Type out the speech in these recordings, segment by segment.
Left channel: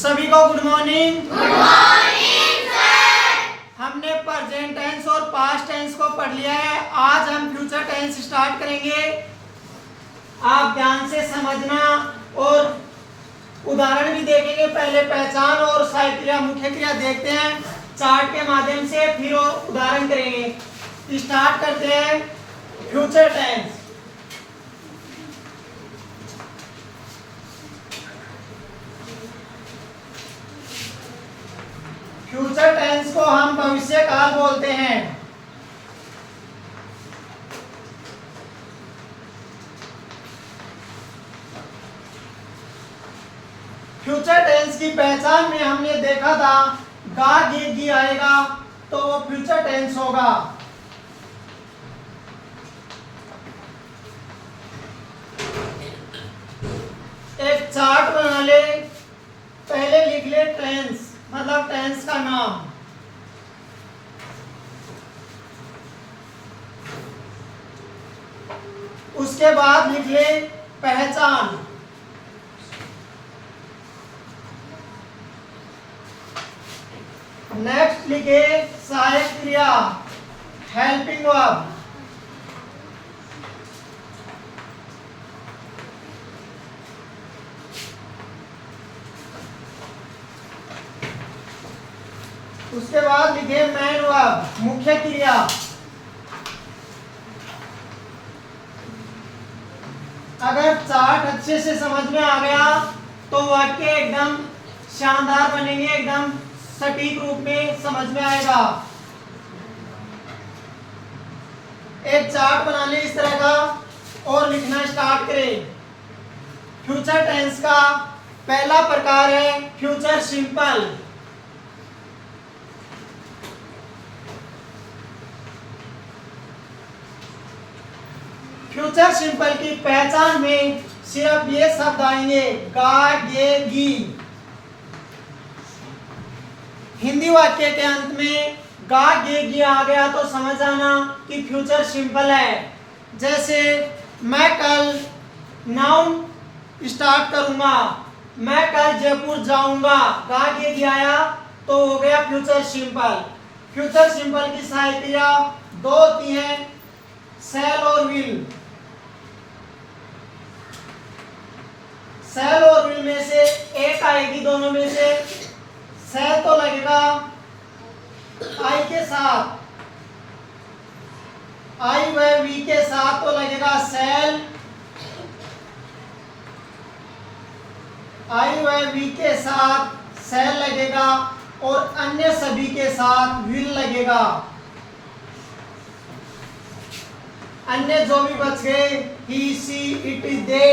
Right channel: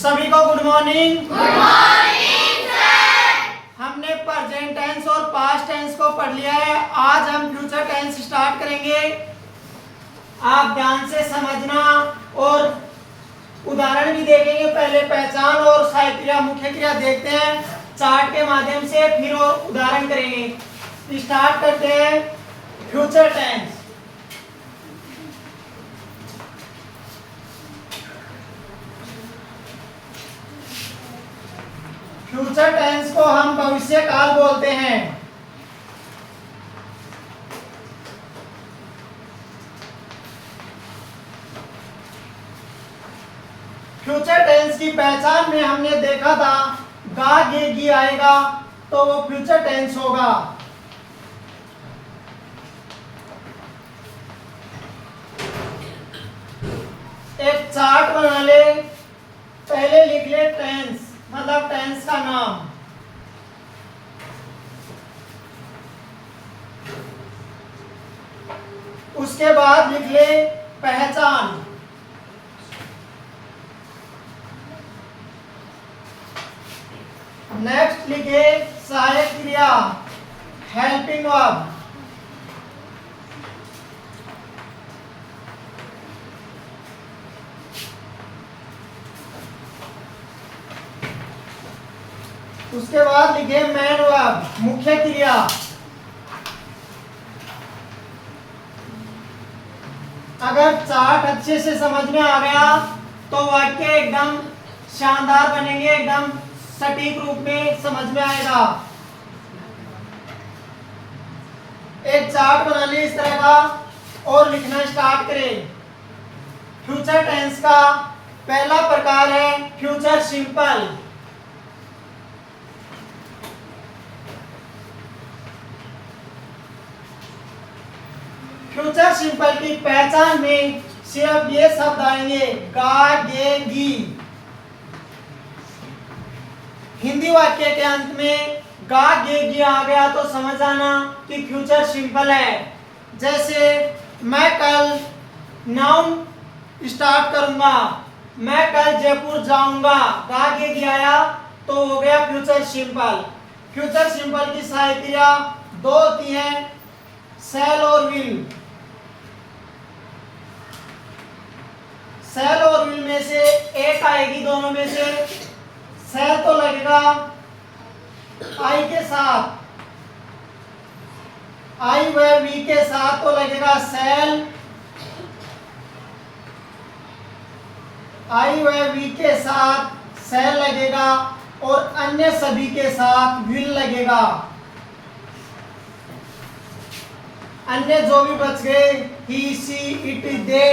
सभी को good morning. Good morning sir. हमने प्रेजेंट टेंस और पास्ट टेंस को पढ़ लिया है। आज हम फ्यूचर टेंस स्टार्ट करेंगे। आप ध्यान से समझना और उदाहरण भी देखेंगे। पहले पहचान और सहायक क्रिया मुख्य क्रिया देखते हैं चार्ट के माध्यम से, फिर और उदाहरण करेंगे। स्टार्ट करते हैं फ्यूचर टेंस। फ्यूचर टेंस को हम भविष्य काल बोलते हैं। फ्यूचर टेंस की पहचान में हमने देखा था गा गे गी आएगा तो वो फ्यूचर टेंस होगा। एक चार्ट बना ले, पहले लिख ले टेंस, मतलब टेंस का नाम। उसके बाद लिख ले पहचान। नेक्स्ट लिखे सहायक क्रिया, हेल्पिंग वर्ब। उसके बाद लिखे मेन वर्ब, मुख्य क्रिया। अगर चार्ट अच्छे से समझ में आ गया तो वाक्य एकदम शानदार बनेंगे, एकदम सटीक रूप में समझ में आएगा। एक चार्ट बना ले इस तरह का और लिखना स्टार्ट करें। फ्यूचर टेंस का पहला प्रकार है फ्यूचर सिंपल। फ्यूचर सिंपल की पहचान में सिर्फ ये शब्द आएंगे गा गे गी। हिंदी वाक्य के अंत में गा गे गी आ गया तो समझ आना कि फ्यूचर सिंपल है। जैसे मैं कल नाउन स्टार्ट करूंगा, मैं कल जयपुर जाऊंगा, गा गे गी आया तो हो गया फ्यूचर सिंपल। फ्यूचर सिंपल की सहायक क्रिया दो होती हैं, शैल और विल। शैल और विल में से एक आएगी दोनों में से। शैल तो लगेगा आई के साथ, आई व वी के साथ तो लगेगा शैल, आई व वी के साथ शैल लगेगा और अन्य सभी के साथ विल लगेगा। अन्य जो भी बच गए ही सी इट दे,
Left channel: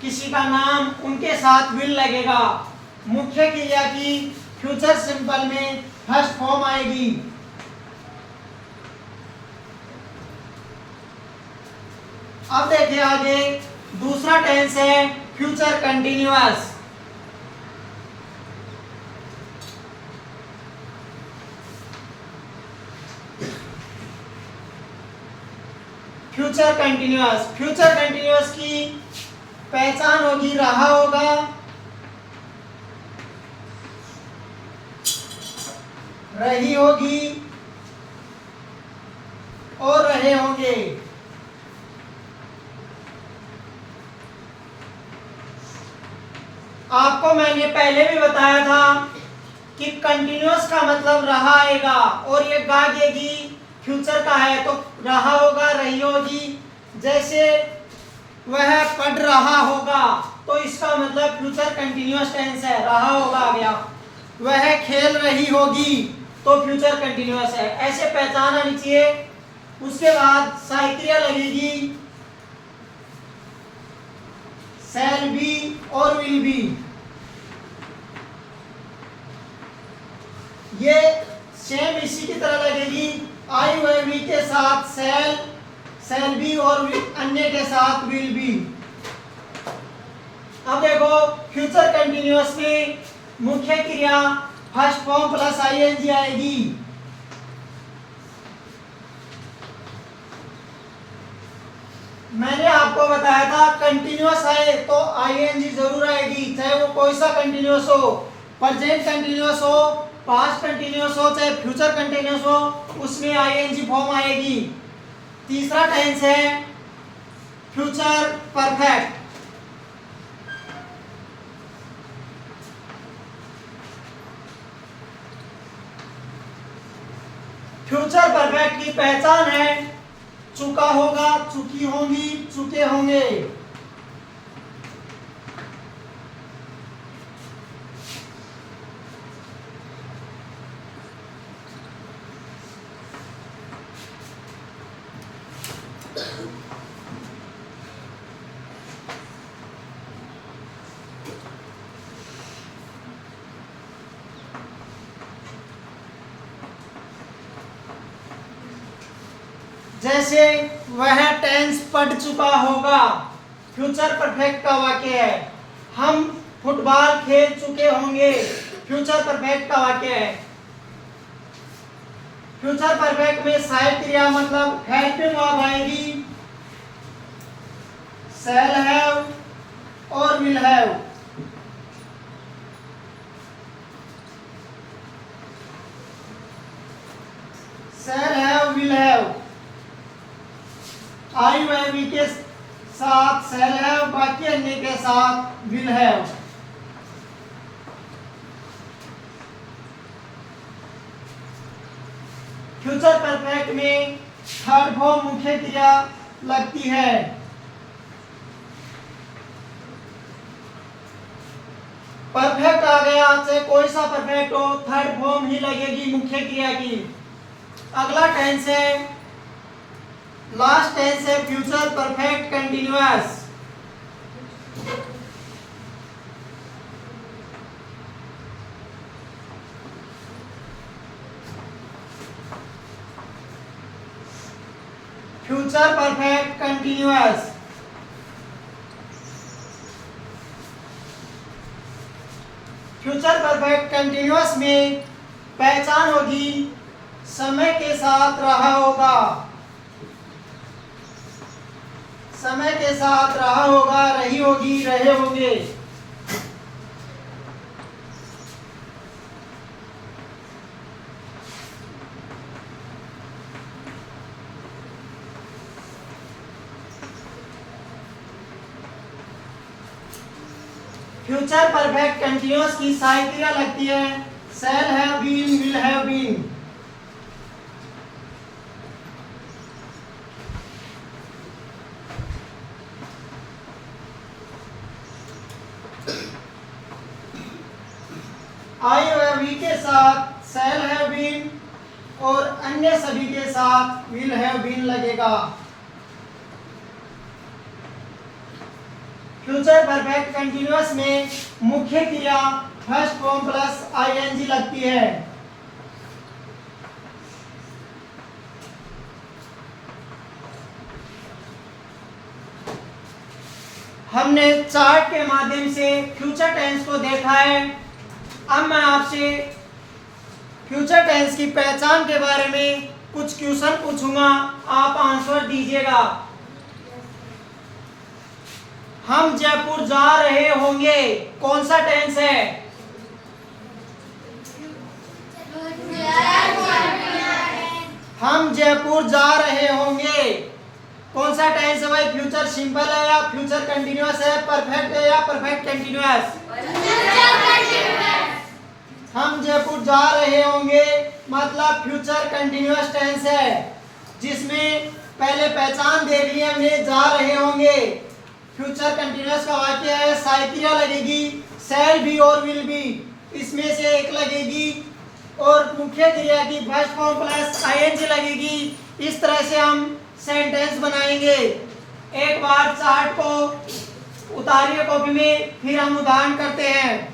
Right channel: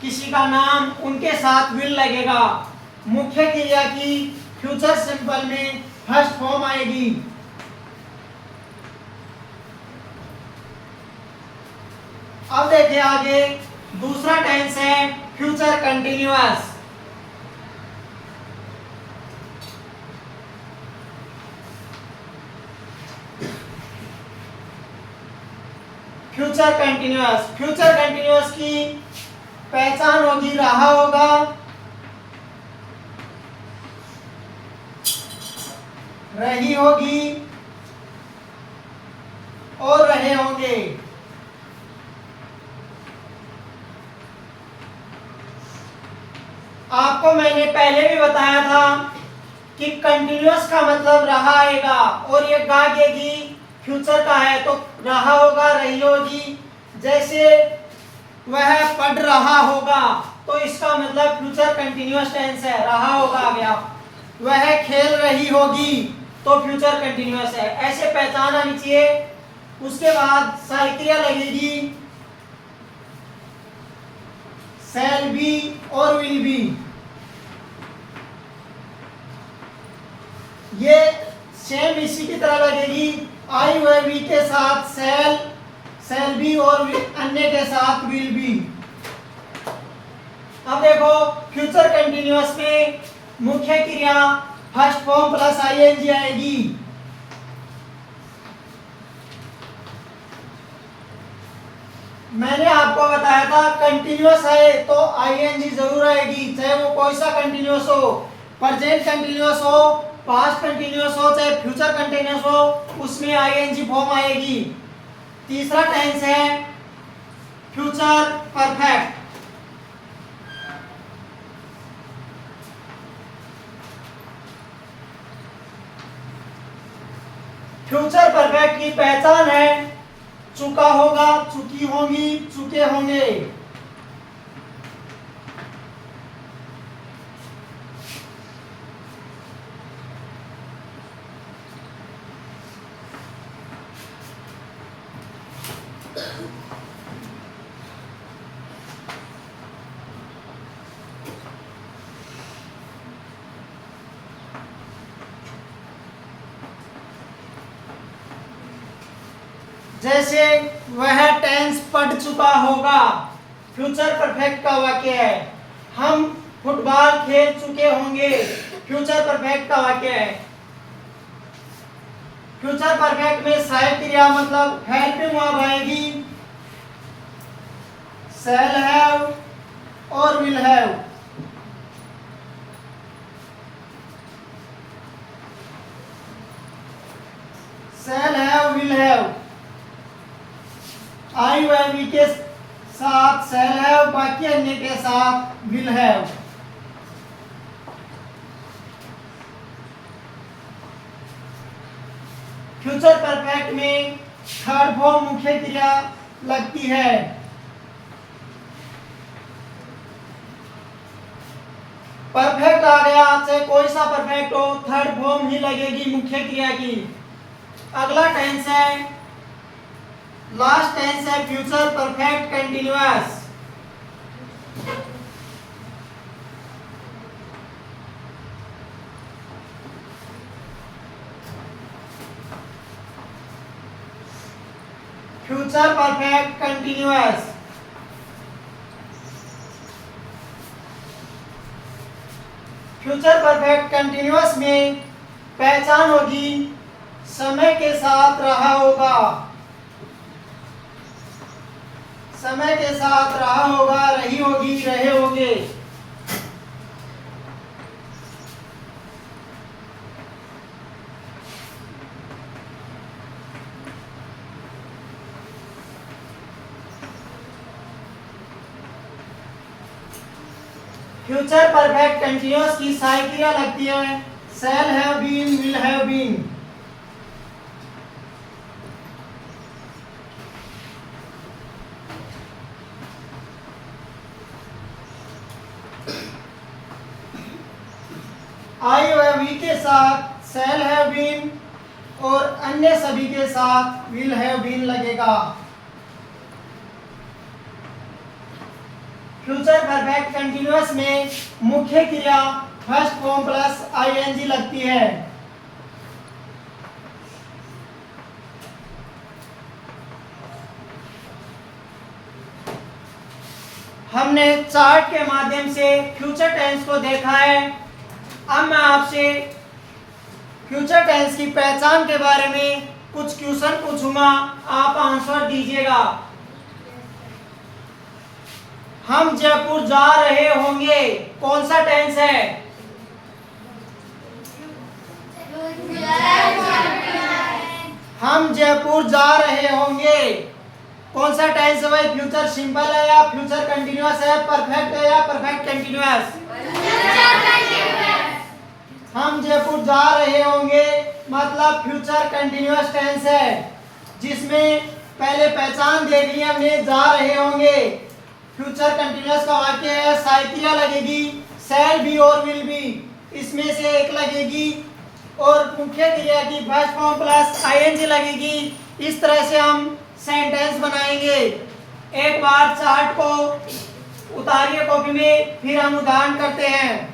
किसी का नाम, उनके साथ विल लगेगा। मुख्य क्रिया की फ्यूचर सिंपल में फर्स्ट फॉर्म आएगी। अब देखिए आगे दूसरा टेंस है future continuous. Future continuous, future continuous की पहचान होगी रहा होगा, रही होगी और रहे होंगे। आपको मैंने पहले भी बताया था कि कंटिन्यूअस का मतलब रहा आएगा और ये गा गेगी फ्यूचर का है तो रहा होगा, रही होगी। जैसे वह पढ़ रहा होगा तो इसका मतलब फ्यूचर कंटिन्यूअस टेंस है, रहा होगा आ गया। वह खेल रही होगी तो फ्यूचर कंटिन्यूअस है। ऐसे पहचान आनी चाहिए। उसके बाद सहायक क्रिया लगेगी शैल बी और विल बी। ये सेम इसी की तरह लगेगी, आई व वी के साथ शैल, शैल बी और अन्य के साथ विल बी। अब देखो फ्यूचर कंटिन्यूअस में मुख्य क्रिया फर्स्ट फॉर्म प्लस आईएनजी आएगी। मैंने आपको बताया था कंटिन्यूअस है तो आईएनजी जरूर आएगी, चाहे वो कोई सा कंटिन्यूअस हो, प्रेजेंट कंटिन्यूअस हो, पास्ट कंटिन्यूअस हो, चाहे फ्यूचर कंटिन्यूअस हो, उसमें आईएनजी फॉर्म आएगी। तीसरा टेंस है फ्यूचर परफेक्ट। फ्यूचर परफेक्ट की पहचान है चुका होगा, चुकी होंगी, चुके होंगे। जैसे वह टेंस पढ़ चुका होगा, फ्यूचर परफेक्ट का वाक्य है। हम फुटबॉल खेल चुके होंगे, फ्यूचर परफेक्ट का वाक्य है। फ्यूचर परफेक्ट में सहायक क्रिया मतलब हेल्पिंग वर्ब आएगी, शैल हैव और will have. Shall have, will have, I व वी के साथ शैल हैव, बाकी अन्य के साथ विल हैव। फ्यूचर परफेक्ट में थर्ड फॉर्म मुख्य क्रिया लगती है। परफेक्ट आ गया, चाहे कोई सा परफेक्ट हो, थर्ड फॉर्म ही लगेगी मुख्य क्रिया की। अगला टेंस है, लास्ट टेंस है future perfect continuous. Future perfect continuous. Future perfect continuous में पहचान होगी समय के साथ रहा होगा, समय के साथ रहा होगा, रही होगी, रहे होंगे। फ्यूचर परफेक्ट कंटिन्यूअस की सहायक क्रिया लगती है shall have been, will have been. I व वी के साथ शैल हैव बीन और अन्य सभी के साथ विल हैव बीन लगेगा। फ्यूचर परफेक्ट कंटिन्यूअस में मुख्य क्रिया फर्स्ट फॉर्म प्लस आईएनजी लगती है। हमने चार्ट के माध्यम से फ्यूचर टेंस को देखा है। अब मैं आपसे फ्यूचर टेंस की पहचान के बारे में कुछ क्वेश्चन पूछूंगा, आप आंसर दीजिएगा। हम जयपुर जा रहे होंगे, कौन सा टेंस है? हम जयपुर जा रहे होंगे, कौन सा टेंस है भाई? फ्यूचर सिंपल है या फ्यूचर कंटिन्यूअस है, परफेक्ट है या परफेक्ट कंटिन्यूअस? हम जयपुर जा रहे होंगे मतलब फ्यूचर कंटिन्यूअस टेंस है, जिसमें पहले पहचान देख ली हमने, जा रहे होंगे। फ्यूचर कंटिन्यूअस का वाक्य है, सहायक क्रिया लगेगी शैल बी और विल बी, इसमें से एक लगेगी और मुख्य क्रिया की फर्स्ट फॉर्म प्लस आईएनजी लगेगी। इस तरह से हम सेंटेंस बनाएंगे। एक बार चार्ट को उतारिए कॉपी में, फिर हम उदाहरण करते हैं।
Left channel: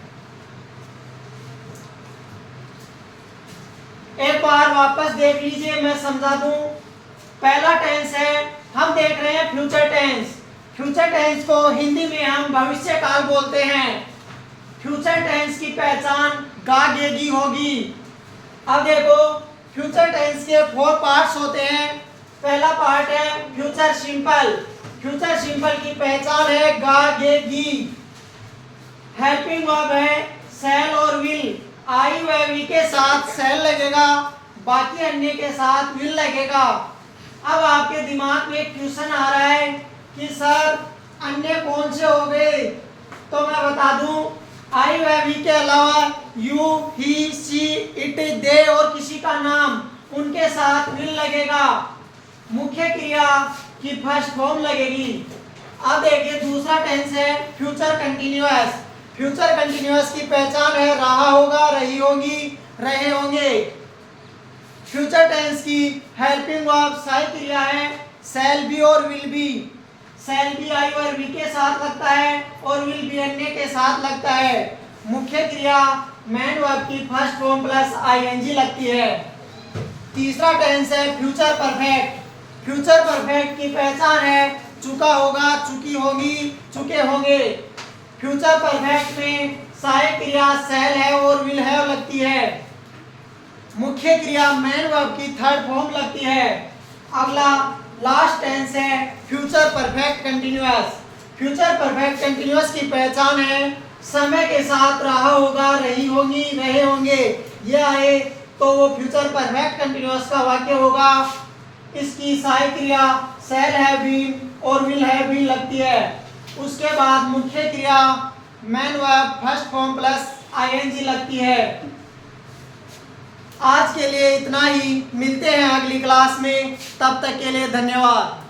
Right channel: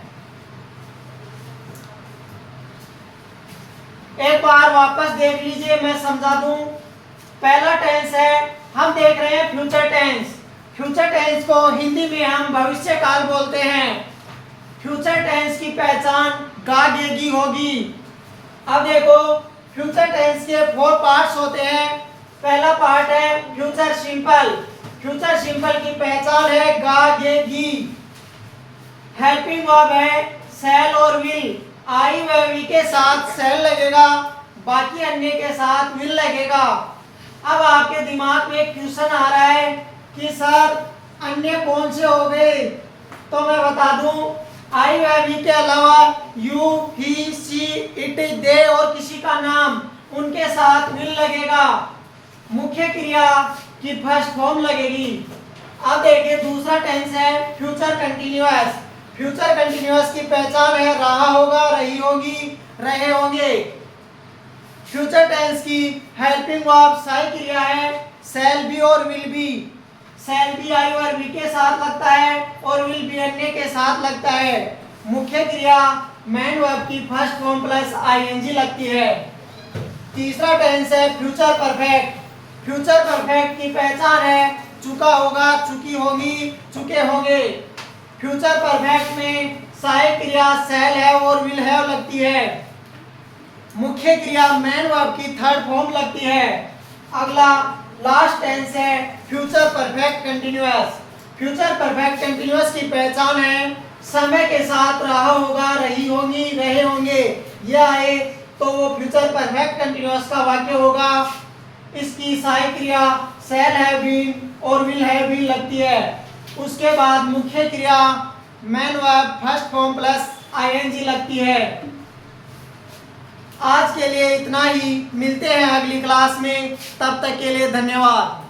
एक बार वापस देख लीजिए, मैं समझा दूं। पहला टेंस है, हम देख रहे हैं फ्यूचर टेंस। फ्यूचर टेंस को हिंदी में हम भविष्य काल बोलते हैं। फ्यूचर टेंस की पहचान गागेगी होगी। अब देखो, फ्यूचर टेंस के 4 पार्ट्स होते हैं। पहला पार्ट है फ्यूचर सिंपल, फ्यूचर सिंपल की पहचान है गागेगी। हेल्पिंग वर्ब है शैल और विल। आई व वी के साथ शैल लगेगा, बाकी अन्य के साथ विल लगेगा। अब आपके दिमाग में एक क्वेश्चन आ रहा है कि सर अन्य कौन से हो गए, तो मैं बता दूं आई व वी के अलावा यू, ही, सी, इट, दे और किसी का नाम, उनके साथ विल लगेगा। मुख्य क्रिया की फर्स्ट फॉर्म लगेगी। अब देखिए दूसरा टेंस है फ्यूचर कंटिन्यूअस। फ्यूचर कंटिन्यूअस की पहचान है रहा होगा, रही होगी, रहे होंगे। फ्यूचर टेंस की हेल्पिंग वर्ब सहायक क्रिया है शैल बी और will be. Shall be I और वी के साथ लगता है और विल बी अन्य के साथ लगता है। मुख्य क्रिया मेन वर्ब की फर्स्ट फॉर्म प्लस आईएनजी लगती है। तीसरा टेंस है फ्यूचर परफेक्ट। फ्यूचर परफेक्ट की पहचान है चुका होगा, चुकी होगी, चुके होंगे। फ्यूचर परफेक्ट में सहायक क्रिया शैल है और विल है लगती है। मुख्य क्रिया मेन वर्ब की थर्ड फॉर्म लगती है। अगला लास्ट टेंस है future perfect continuous. Future perfect continuous की पहचान है समय के साथ रहा होगा, रही होगी, रहे होंगे, ये आए तो वो फ्यूचर परफेक्ट कंटिन्यूअस का वाक्य होगा। इसकी सहायक क्रिया शैल है बीन और विल है बीन लगती है। उसके बाद मुख्य क्रिया main verb first form plus ING लगती है। आज के लिए इतना ही, मिलते हैं अगली क्लास में, तब तक के लिए धन्यवाद।